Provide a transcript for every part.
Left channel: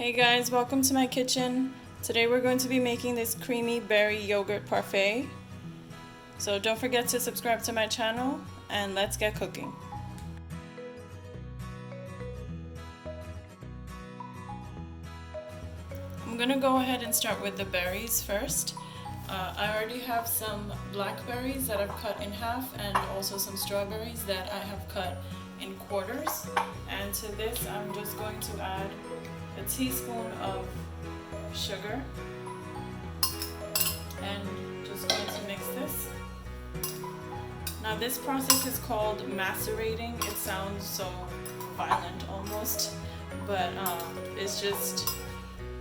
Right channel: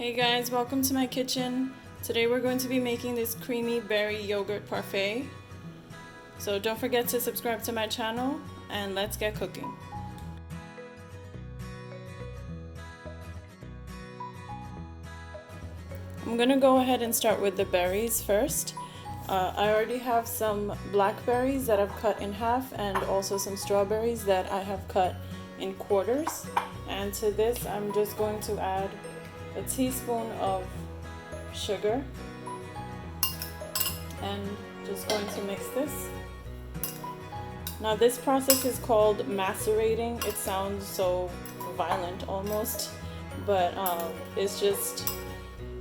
Hey guys, welcome to my kitchen. Today we're going to be making this creamy berry yogurt parfait. So don't forget to subscribe to my channel and let's get cooking. I'm gonna go ahead and start with the berries first. I already have some blackberries that I've cut in half and also some strawberries that I have cut in quarters. And to this I'm just going to add a teaspoon of sugar and just going to mix this. Now this process is called macerating. It sounds so violent almost, but it's just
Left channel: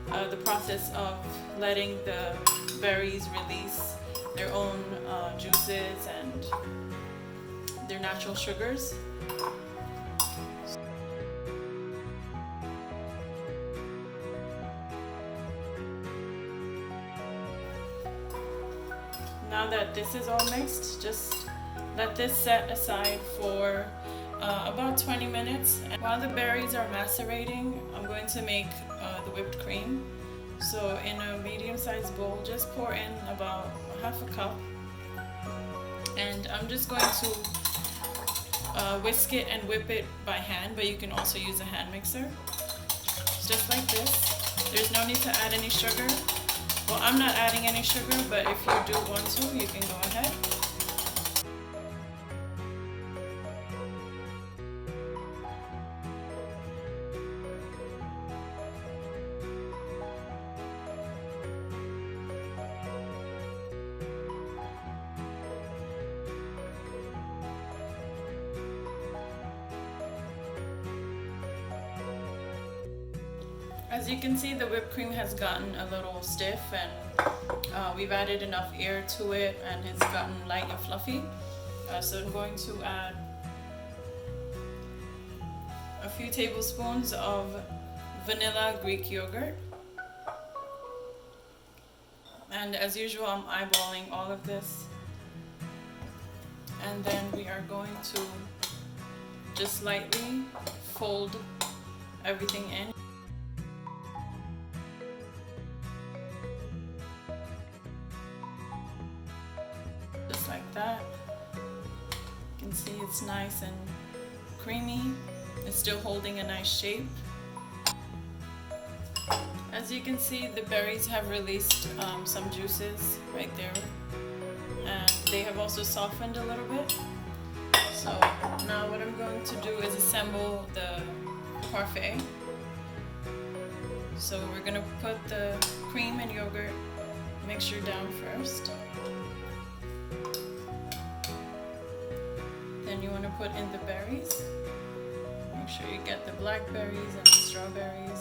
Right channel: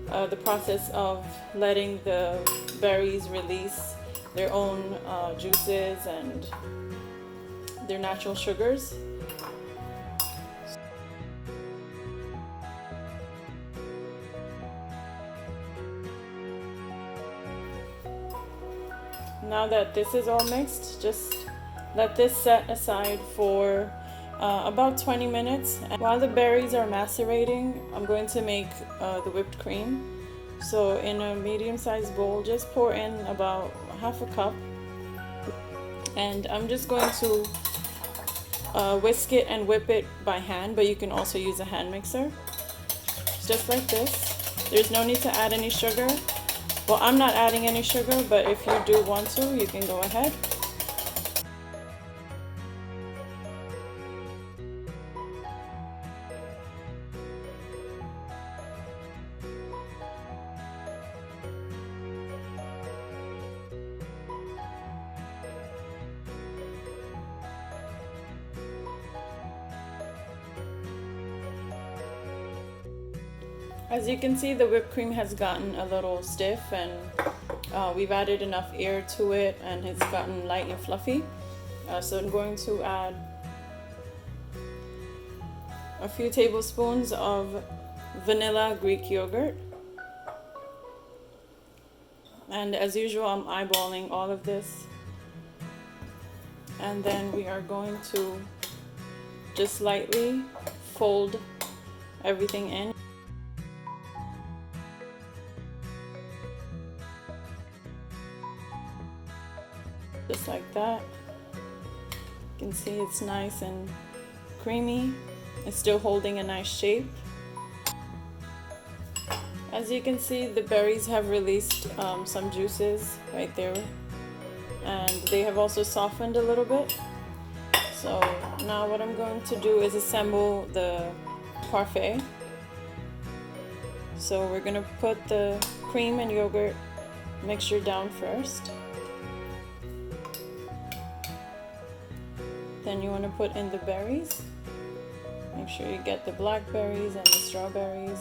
the process of letting the berries release their own juices and their natural sugars. Now that this is all mixed, just let this set aside for about 20 minutes. And while the berries are macerating, I'm going to make the whipped cream. So in a medium-sized bowl, just pour in about half a cup. And I'm just going to whisk it and whip it by hand, but you can also use a hand mixer. Just like this. There's no need to add any sugar. Well, I'm not adding any sugar, but if you do want to, you can go ahead. As you can see, the whipped cream has gotten a little stiff and we've added enough air to it and it's gotten light and fluffy. So I'm going to add a few tablespoons of vanilla Greek yogurt. And as usual, I'm eyeballing all of this. And then we are going to just lightly fold everything in. Just like that. You can see it's nice and creamy. It's still holding a nice shape. As you can see, the berries have released some juices right there, and they have also softened a little bit. So now what I'm going to do is assemble the parfait. So we're going to put the cream and yogurt mixture down first. Then you want to put in the berries. Make sure you get the blackberries and the strawberries.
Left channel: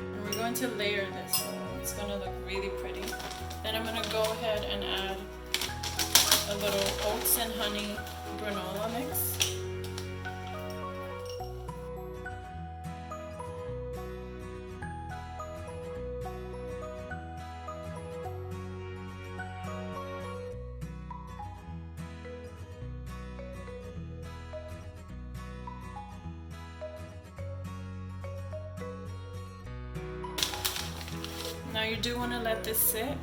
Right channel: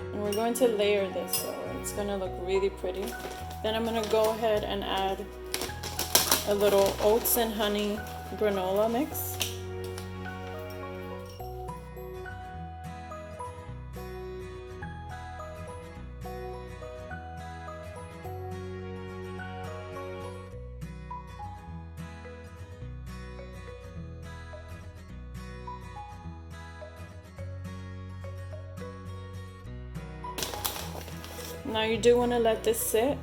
And we're going to layer this, so it's going to look really pretty. Then I'm going to go ahead and add a little oats and honey granola mix. Now you do want to let this sit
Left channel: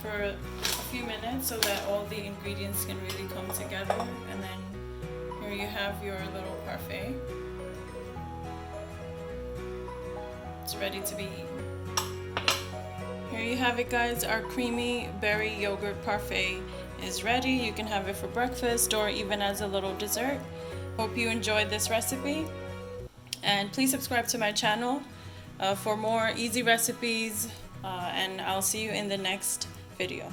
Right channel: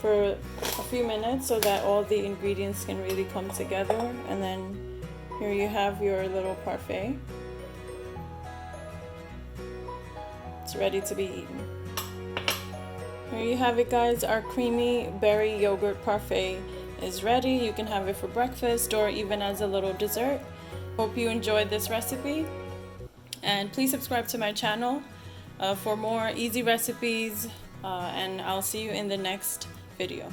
for a few minutes so that all the ingredients can really come together, and then here you have your little parfait. It's ready to be eaten. Here you have it, guys. Our creamy berry yogurt parfait is ready. You can have it for breakfast or even as a little dessert. Hope you enjoyed this recipe, and please subscribe to my channel for more easy recipes, and I'll see you in the next video.